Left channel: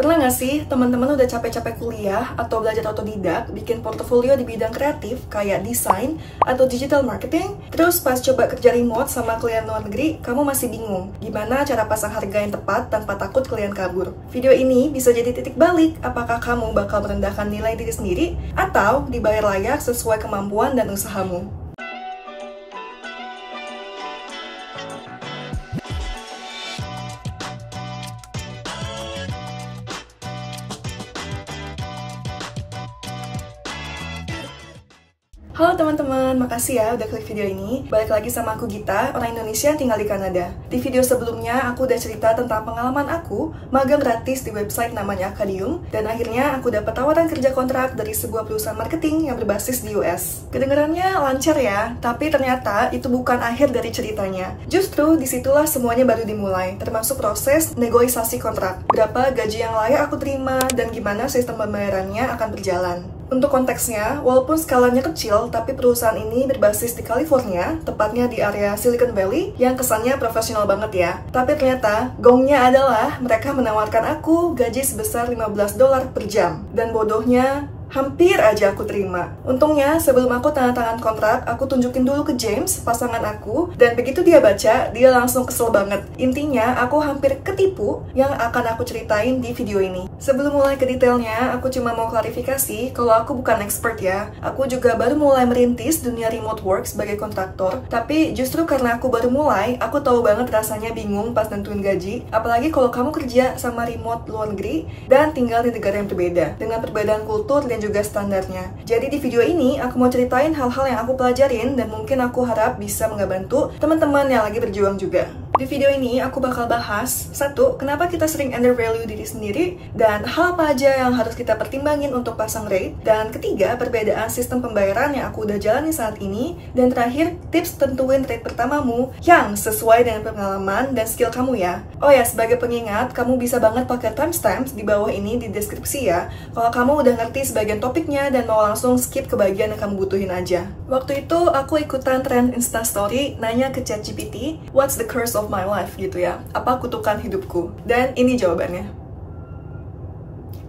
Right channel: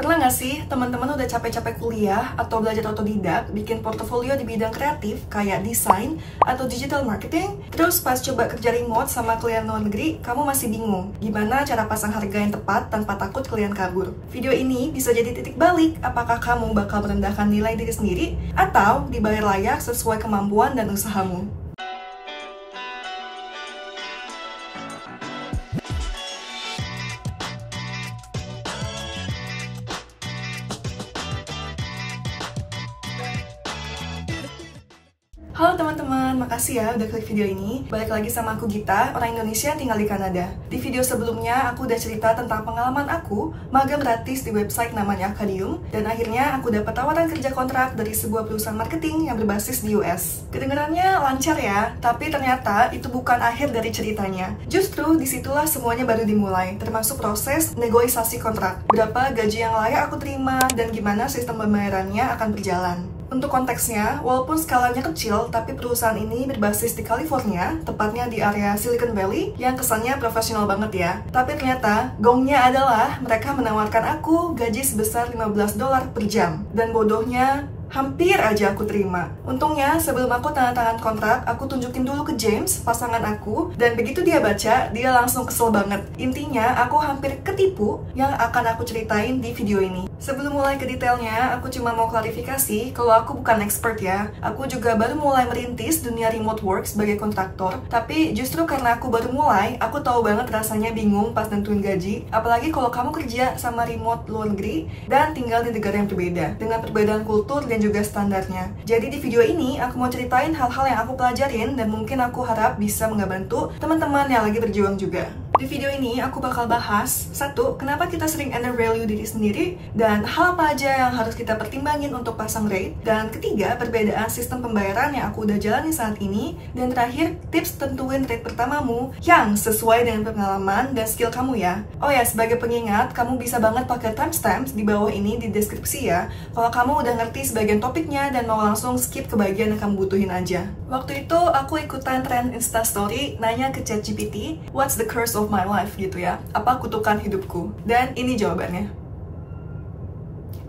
Pernah nggak sih teman-teman udah capek-capek kuliah atau belajar otodidak, bikin portofolio di bidang kreatif kayak desain atau digital marketing, terus pas coba kerja remote sama klien luar negeri, kamu masih bingung gimana cara pasang harga yang tepat tanpa takut klien kabur. Video ini bisa jadi titik balik apakah kamu bakal merendahkan nilai diri sendiri atau dibayar layak sesuai kemampuan dan usahamu. Halo teman-teman, makasih ya udah klik video ini. Balik lagi sama aku Gita, orang Indonesia yang tinggal di Kanada. Di video sebelumnya, aku udah cerita tentang pengalaman aku magang gratis di website namanya Acadium, dan akhirnya aku dapat tawaran kerja kontrak dari sebuah perusahaan marketing yang berbasis di US. Kedengarannya lancar ya, tapi ternyata itu bukan akhir dari ceritanya. Justru disitulah semuanya baru dimulai, termasuk proses negosiasi kontrak. Berapa gaji yang layak aku terima, dan gimana sistem pembayarannya akan berjalan. Untuk konteksnya, walaupun skalanya kecil, tapi perusahaan ini berbasis di California, tepatnya di area Silicon Valley, yang kesannya profesional banget ya. Tapi ternyata, gongnya adalah mereka menawarkan aku gaji sebesar $15 per jam. Dan bodohnya, hampir aja aku terima. Untungnya, sebelum aku tanda tangan kontrak, aku tunjukin dulu ke James, pasangan aku, dan begitu dia baca, dia langsung kesel banget. Intinya, aku hampir ketipu yang akan aku ceritain di video ini. Sebelum mulai ke detailnya, aku cuma mau klarifikasi kalau aku bukan expert ya. Aku juga baru mulai merintis dunia remote work sebagai kontraktor, tapi justru karena aku baru mulai, aku tahu banget rasanya bingung pas nentuin gaji, apalagi kalau kamu kerja sama remote luar negeri dan tinggal di negara yang berbeda, dengan perbedaan kultur dan juga standarnya. Jadi di video ini aku mau ceritain hal-hal yang aku pelajarin dan mungkin aku harap bisa ngebantu teman-teman yang lagi berjuang juga. Di video ini aku bakal bahas 1. Kenapa kita sering undervalue diri sendiri dan hal apa aja yang harus kita pertimbangin untuk pasang rate, dan ketiga, perbedaan sistem pembayaran yang aku udah jalani saat ini, dan terakhir, tips tentuin rate pertamamu yang sesuai dengan pengalaman dan skill kamu ya. Oh ya, sebagai pengingat, kamu bisa banget pakai timestamps di bawah ini di deskripsi ya, kalau kamu udah ngerti sebagian topiknya dan mau langsung skip ke bagian yang kamu butuhin aja. Waktu itu aku ikutan trend Instastory nanya ke ChatGPT, what's the curse of my life gitu ya, apa kutukan hidupku, dan ini jawabannya.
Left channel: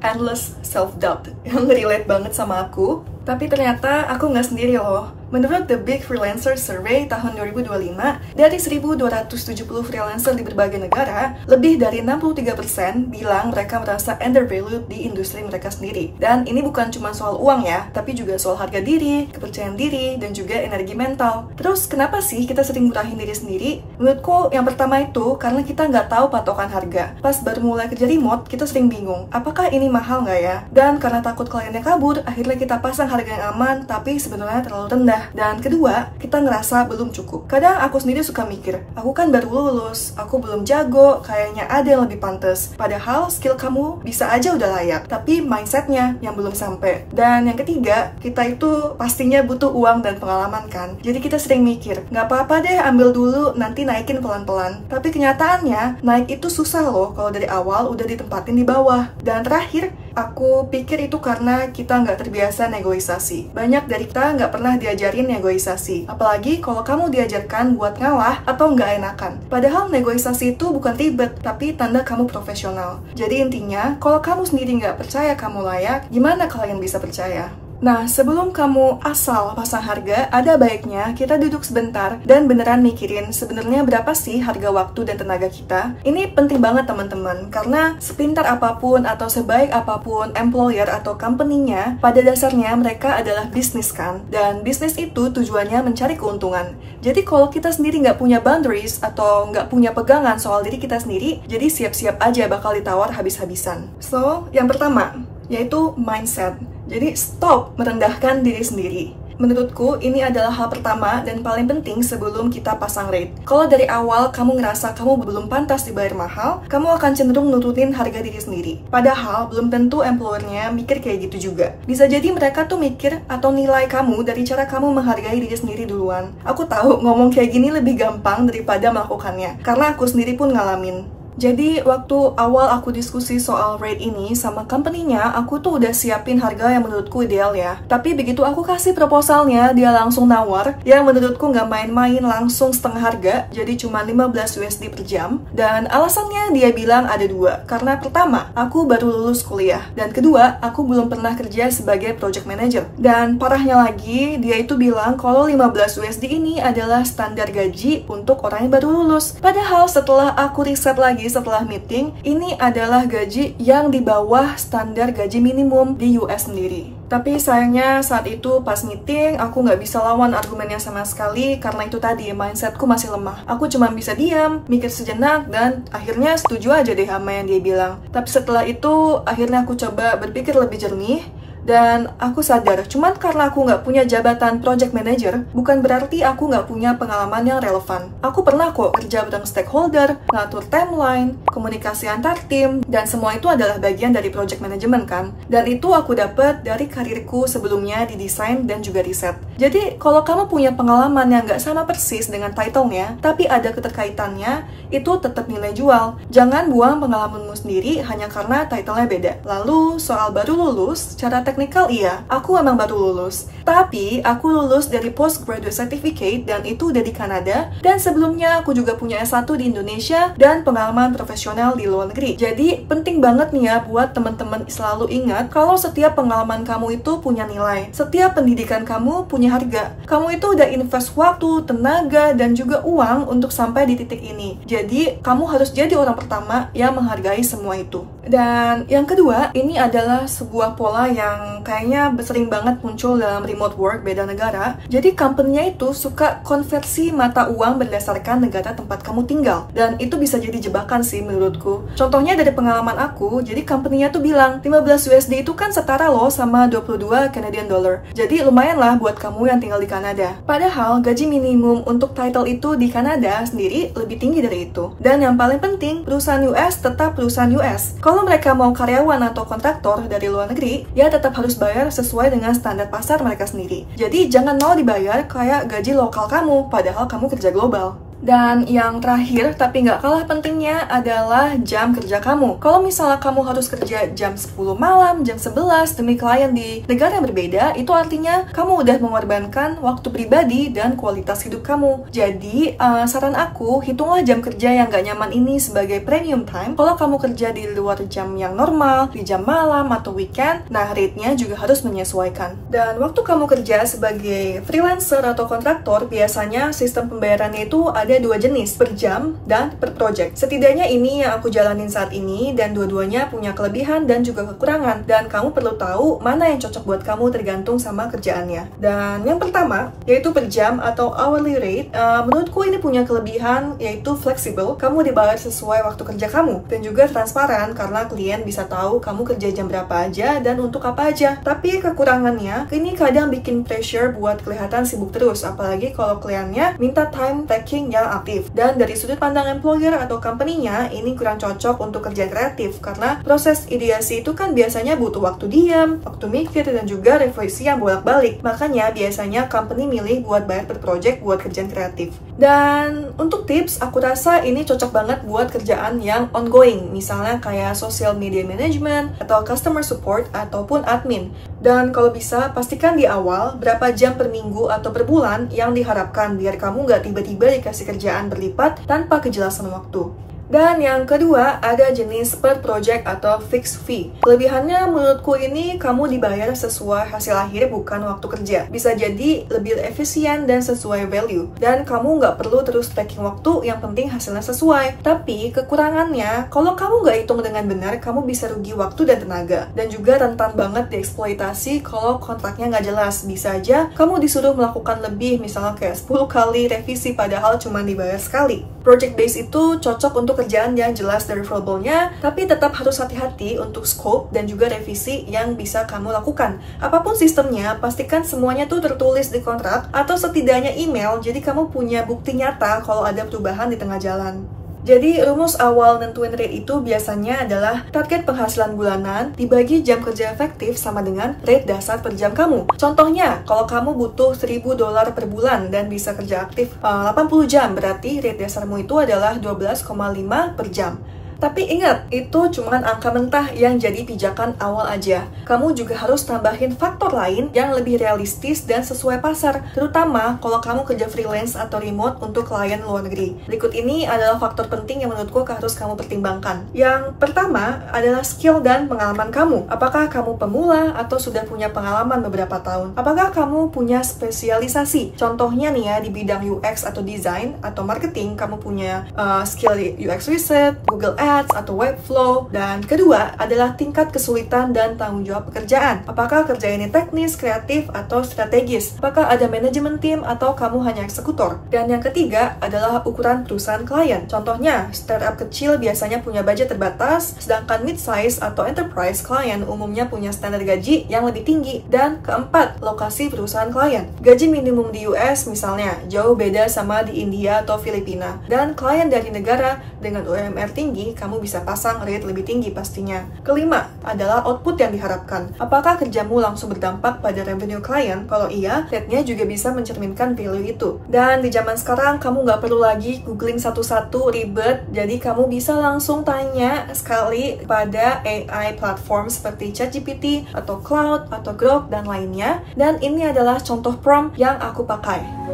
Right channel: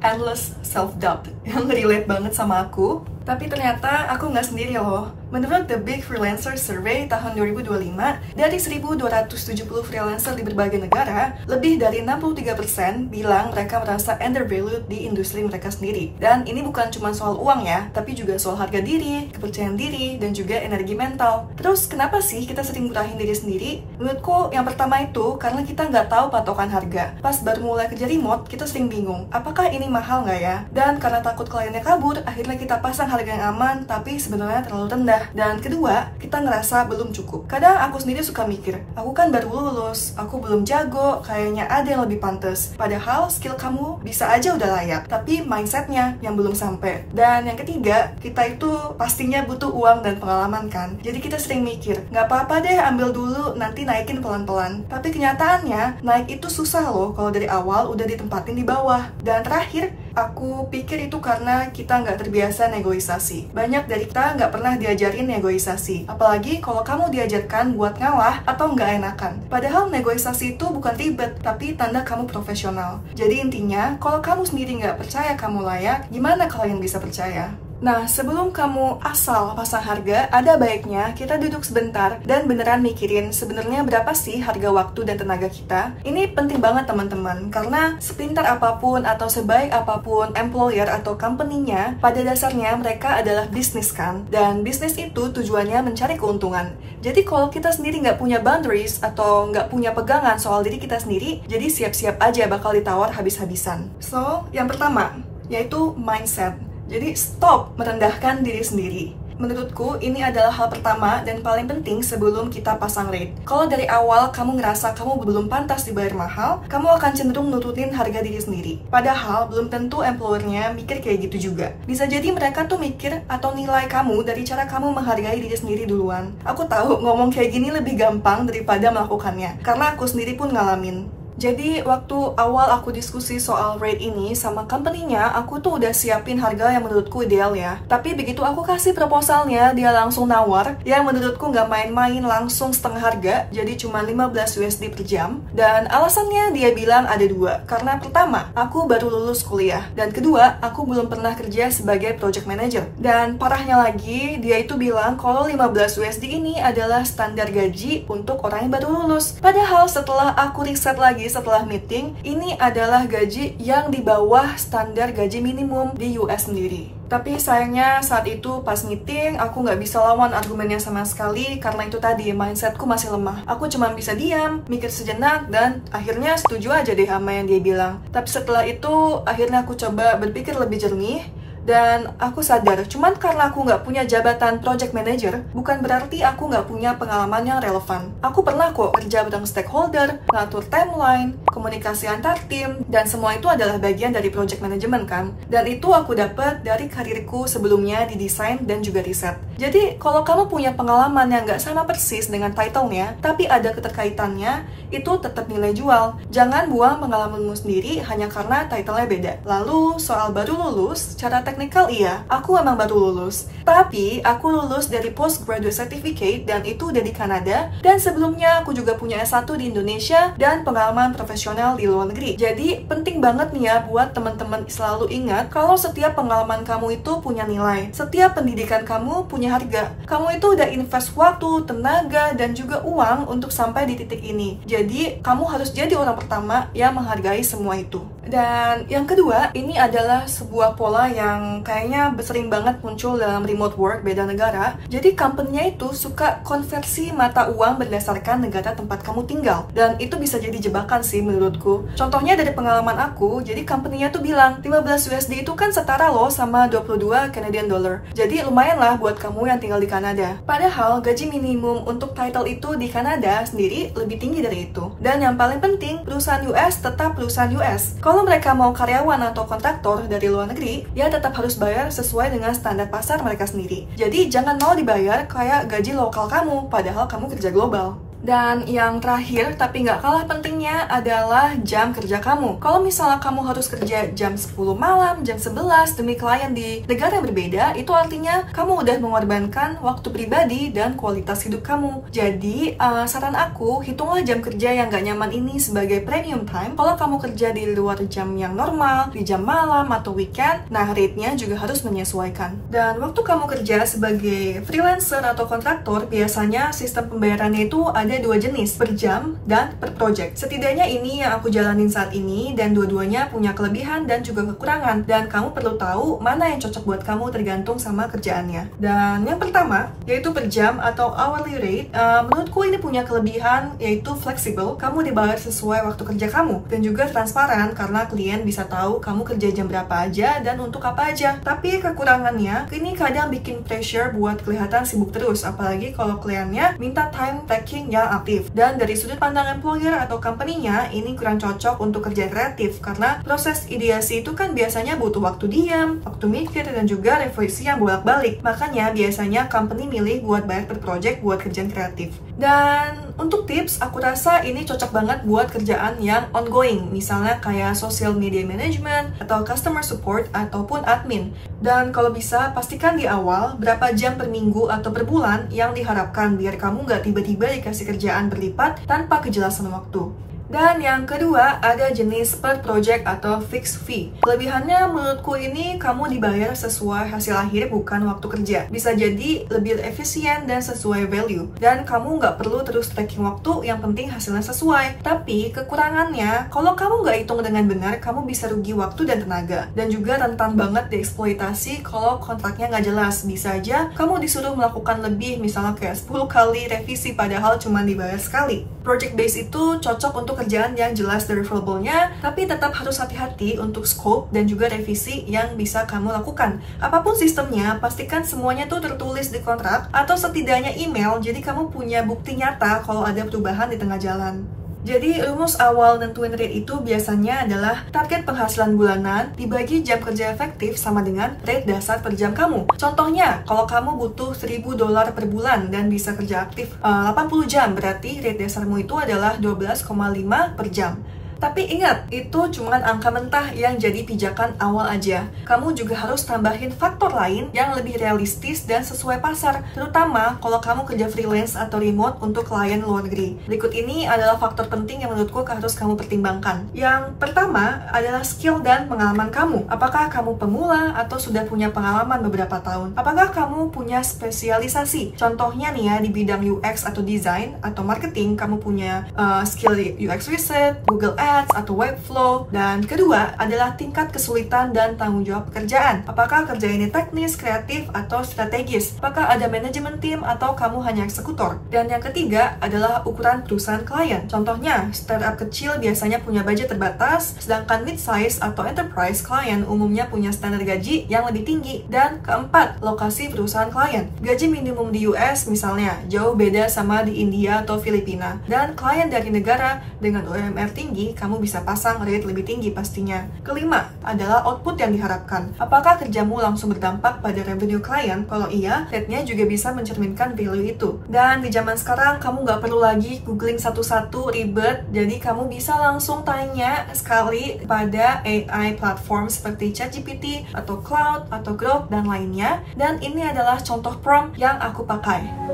Endless self-doubt, yang relate banget sama aku. Tapi ternyata aku nggak sendiri loh. Menurut The Big Freelancer Survey tahun 2025, dari 1.270 freelancer di berbagai negara, lebih dari 63% bilang mereka merasa undervalued di industri mereka sendiri. Dan ini bukan cuma soal uang ya, tapi juga soal harga diri, kepercayaan diri, dan juga energi mental. Terus kenapa sih kita sering murahin diri sendiri? Menurutku yang pertama itu karena kita nggak tahu patokan harga. Pas baru mulai kerja remote, kita sering bingung, apakah ini mahal nggak ya? Dan karena takut kliennya kabur, akhirnya kita pasang harga yang aman, tapi sebenarnya terlalu rendah. Dan kedua, kita ngerasa belum cukup. Kadang aku sendiri suka mikir, aku kan baru lulus, aku belum jago, kayaknya ada yang lebih pantas. Padahal skill kamu bisa aja udah layak, tapi mindsetnya yang belum sampai. Dan yang ketiga, kita itu pastinya butuh uang dan pengalaman kan. Jadi kita sering mikir, nggak apa-apa deh ambil dulu, nanti naikin pelan-pelan. Tapi kenyataannya, naik itu susah loh kalau dari awal udah ditempatin di bawah. Dan terakhir, aku pikir itu karena kita nggak terbiasa negosiasi. Banyak dari kita nggak pernah diajarin negosiasi. Apalagi kalau kamu diajarkan buat ngalah atau nggak enakan. Padahal negosiasi itu bukan ribet, tapi tanda kamu profesional. Jadi intinya, kalau kamu sendiri nggak percaya kamu layak, gimana kalian bisa percaya? Nah, sebelum kamu asal pasang harga, ada baiknya kita duduk sebentar dan beneran mikirin sebenarnya berapa sih harga waktu dan tenaga kita. Ini penting banget teman-teman, karena sepintar apapun atau sebaik apapun employer atau company-nya, pada dasarnya mereka adalah bisnis kan, dan bisnis itu tujuannya mencari keuntungan. Jadi kalau kita sendiri nggak punya boundaries atau nggak punya pegangan soal diri kita sendiri, jadi siap-siap aja bakal ditawar habis-habisan. So, yang pertama, yaitu mindset. Jadi stop merendahkan diri sendiri. Menurutku, ini adalah hal pertama dan paling penting sebelum kita pasang rate. Kalau dari awal kamu ngerasa kamu belum pantas dibayar mahal, kamu akan cenderung nurunin harga diri sendiri. Padahal, belum tentu employer-nya mikir kayak gitu juga. Bisa jadi mereka tuh mikir atau nilai kamu dari cara kamu menghargai diri sendiri duluan. Aku tahu ngomong kayak gini lebih gampang daripada melakukannya, karena aku sendiri pun ngalamin. Jadi waktu awal aku diskusi soal rate ini sama company-nya, aku tuh udah siapin harga yang menurutku ideal ya. Tapi begitu aku kasih proposalnya, dia langsung nawar yang menurutku nggak main-main, langsung setengah harga, jadi cuma 15 USD per jam. Dan alasannya dia bilang ada dua. Karena pertama, aku baru lulus kuliah. Dan kedua, aku belum pernah kerja sebagai project manager. Dan parahnya lagi, dia itu bilang kalau 15 USD ini adalah standar gaji untuk orang yang baru lulus. Padahal setelah aku riset lagi setelah meeting, ini adalah gaji yang di bawah standar gaji minimum di US sendiri. Tapi sayangnya saat itu pas meeting, aku nggak bisa lawan argumennya sama sekali karena itu tadi, mindsetku masih lemah. Aku cuma bisa diam, mikir sejenak, dan akhirnya setuju aja deh sama yang dia bilang. Tapi setelah itu, akhirnya aku coba berpikir lebih jernih, dan aku sadar, cuman karena aku nggak punya jabatan project manager, bukan berarti aku nggak punya pengalaman yang relevan. Aku pernah kok kerja bareng stakeholder, ngatur timeline, komunikasi antar tim, dan semua itu adalah bagian dari project management kan. Dan itu aku dapat dari karirku sebelumnya di desain dan juga riset. Jadi, kalau kamu punya pengalaman yang nggak sama persis dengan title-nya, tapi ada keterkaitannya, itu tetap nilai jual. Jangan buang pengalamanmu sendiri hanya karena title-nya beda. Lalu, soal baru lulus, secara teknikal iya, aku emang baru lulus. Tapi, aku lulus dari postgraduate certificate dan itu udah di Kanada. Dan sebelumnya, aku juga punya S1 di Indonesia dan pengalaman profesional di luar negeri. Jadi, penting banget nih ya buat teman-teman selalu ingat kalau setiap pengalaman kamu itu punya nilai. Setiap pendidikan kamu punya harga. Kamu itu udah invest waktu, tenaga, dan juga uang untuk sampai di titik ini. Jadi, kamu harus jadi orang pertama yang menghargai semua itu. Dan yang kedua, ini adalah sebuah pola yang kayaknya sering banget muncul dalam remote work beda negara. Jadi, company-nya itu suka konversi mata uang berdasarkan negara tempat kamu tinggal. Dan itu bisa jadi jebakan sih menurutku. Contohnya dari pengalaman aku, jadi company-nya tuh bilang, 15 USD itu kan setara loh sama 22 Canadian dollar. Jadi, lumayan lah buat kamu yang tinggal di Kanada. Padahal, gaji minimum untuk title itu di Kanada sendiri lebih tinggi dari itu. Dan yang paling penting, perusahaan US tetap perusahaan US. Kalau mereka mau karyawan atau kontraktor dari luar negeri, ya tetap harus bayar sesuai dengan standar pasar mereka sendiri. Jadi, jangan mau dibayar kayak gaji lokal kamu, padahal kamu kerja global. Dan yang terakhir, tapi nggak kalah pentingnya adalah jam kerja kamu. Kalau misalnya kamu harus kerja jam 10 malam, jam 11 demi klien di negara yang berbeda, itu artinya kamu udah mengorbankan waktu pribadi dan kualitas hidup kamu. Jadi, saran aku, hitunglah jam kerja yang nggak nyaman ini sebagai premium time. Kalau kamu kerja di luar jam yang normal, di jam malam atau weekend, nah rate-nya juga harus menyesuaikan. Dan waktu kamu kerja sebagai freelancer atau kontraktor, biasanya sistem pembayarannya itu ada 2 jenis, per jam dan per project. Setidaknya ini yang aku jalanin saat ini, dan dua-duanya punya kelebihan dan juga kekurangan, dan kamu perlu tahu mana yang cocok buat kamu tergantung sama kerjaannya. Dan yang pertama, yaitu per jam atau hourly rate. Menurutku ini punya kelebihan, yaitu fleksibel. Kamu dibayar sesuai waktu kerja kamu, dan juga transparan karena klien bisa tahu kamu kerja jam berapa aja dan untuk apa aja. Tapi kekurangannya, ini kadang bikin pressure buat kelihatan sibuk terus, apalagi kalau kliennya minta time taking yang aktif. Dan dari sudut pandang employer atau company-nya, ini kurang cocok untuk kerja kreatif karena proses ideasi itu kan biasanya butuh waktu diam, waktu mikir, dan juga revisi yang bolak-balik. Makanya biasanya company milih buat bayar per project buat kerjaan kreatif. Dan untuk tips, aku rasa ini cocok banget buat kerjaan yang ongoing, misalnya kayak social media management atau customer support ataupun admin. Dan kalau bisa, pastikan di awal berapa jam per minggu atau per bulan yang diharapkan biar kamu nggak tiba-tiba dikasih kerjaan berlipat tanpa kejelasan waktu. Dan yang kedua, ada jenis per project atau fixed fee. Kelebihannya menurutku ini kamu dibayar sesuai hasil akhir bukan waktu kerja. Bisa jadi lebih efisien dan sesuai value. Dan kamu nggak perlu terus tracking waktu, yang penting hasilnya sesuai. Tapi kekurangannya, kalau kamu nggak hitung dengan benar, kamu bisa rugi waktu dan tenaga. Dan juga rentan banget dieksploitasi kalau kontraknya nggak jelas. Bisa aja kamu disuruh melakukan lebih, misalnya kayak 10 kali revisi padahal cuma dibayar sekali. Project base itu cocok untuk kerjaan yang jelas deliverable-nya, tapi tetap harus hati-hati untuk scope dan juga revisi yang bisa kamu lakukan. Apapun sistemnya, pastikan semuanya tuh tertulis di kontrak atau setidaknya email, jadi kamu punya bukti nyata kalau ada perubahan di tengah jalan. Jadi, rumus awal nentuin rate itu biasanya adalah target penghasilan bulanan dibagi jam kerja efektif sama dengan rate dasar per jam kamu. Contohnya, kalau kamu butuh $1.000 per bulan dan bisa kerja aktif 80 jam, berarti rate dasarmu itu adalah 12,5 per jam. Tapi ingat, itu cuma angka mentah yang jadi pijakan awal aja. Kamu juga harus tambahin faktor lain yang lebih realistis dan sesuai pasar, terutama kalau kamu kerja freelance atau remote untuk klien luar negeri. Berikut ini adalah faktor penting yang menurutku harus kamu pertimbangkan. Yang pertama adalah skill dan pengalaman kamu. Apakah kamu pemula atau sudah punya pengalaman beberapa tahun? Apakah kamu punya spesialisasi? Contohnya nih ya, di bidang UX atau design atau marketing, kamu punya skill di UX research, Google Ads, atau Webflow. Dan kedua adalah tingkat kesulitan dan tanggung jawab pekerjaan. Apakah kerja ini teknis, kreatif, atau strategis? Apakah ada manajemen tim atau kamu hanya eksekutor? Dan yang ketiga adalah ukuran perusahaan klien. Contohnya, startup kecil biasanya punya budget terbatas, sedangkan mid-size atau enterprise klien umumnya punya standar gaji yang lebih tinggi. Dan keempat, lokasi perusahaan klien. Gaji minimum di US misalnya jauh beda sama di India atau Filipina. Dan klien dari negara dengan UMR tinggi, kamu bisa pasang rate lebih tinggi pastinya. Kelima adalah output yang diharapkan. Apakah kerjamu langsung berdampak pada revenue klien? Kalau iya, rate-nya juga bisa mencerminkan value itu. Dan di zaman sekarang, kamu nggak perlu lagi googling satu-satu ribet, jadi kamu bisa langsung tanya sekali pada AI platform seperti ChatGPT atau Cloud atau Grok dan lainnya. Dan ini adalah contoh prompt yang aku pakai.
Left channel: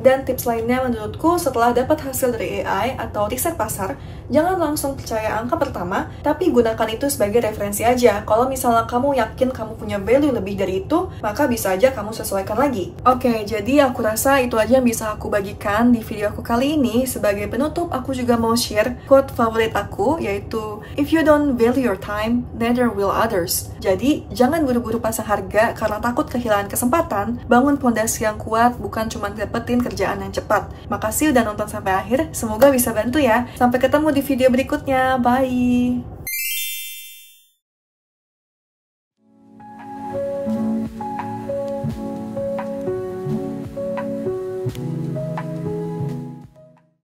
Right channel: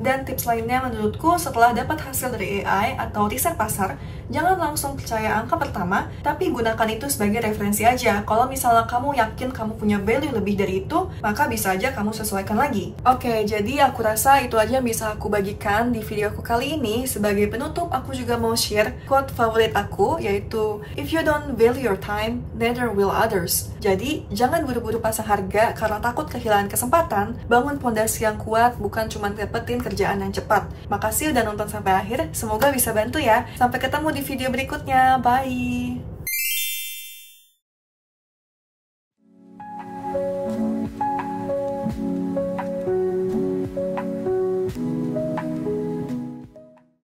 Dan tips lainnya menurutku, setelah dapat hasil dari AI atau riset pasar, jangan langsung percaya angka pertama, tapi gunakan itu sebagai referensi aja. Kalau misalnya kamu yakin kamu punya value lebih dari itu, maka bisa aja kamu sesuaikan lagi. Oke, jadi aku rasa itu aja yang bisa aku bagikan di video aku kali ini. Sebagai penutup, aku juga mau share quote favorit aku, yaitu "If you don't value your time, neither will others." Jadi, jangan buru-buru pasang harga karena takut kehilangan kesempatan. Bangun fondasi yang kuat, bukan cuma dapetin kerjaan yang cepat. Makasih udah nonton sampai akhir, semoga bisa bantu ya. Sampai ketemu di video berikutnya, bye!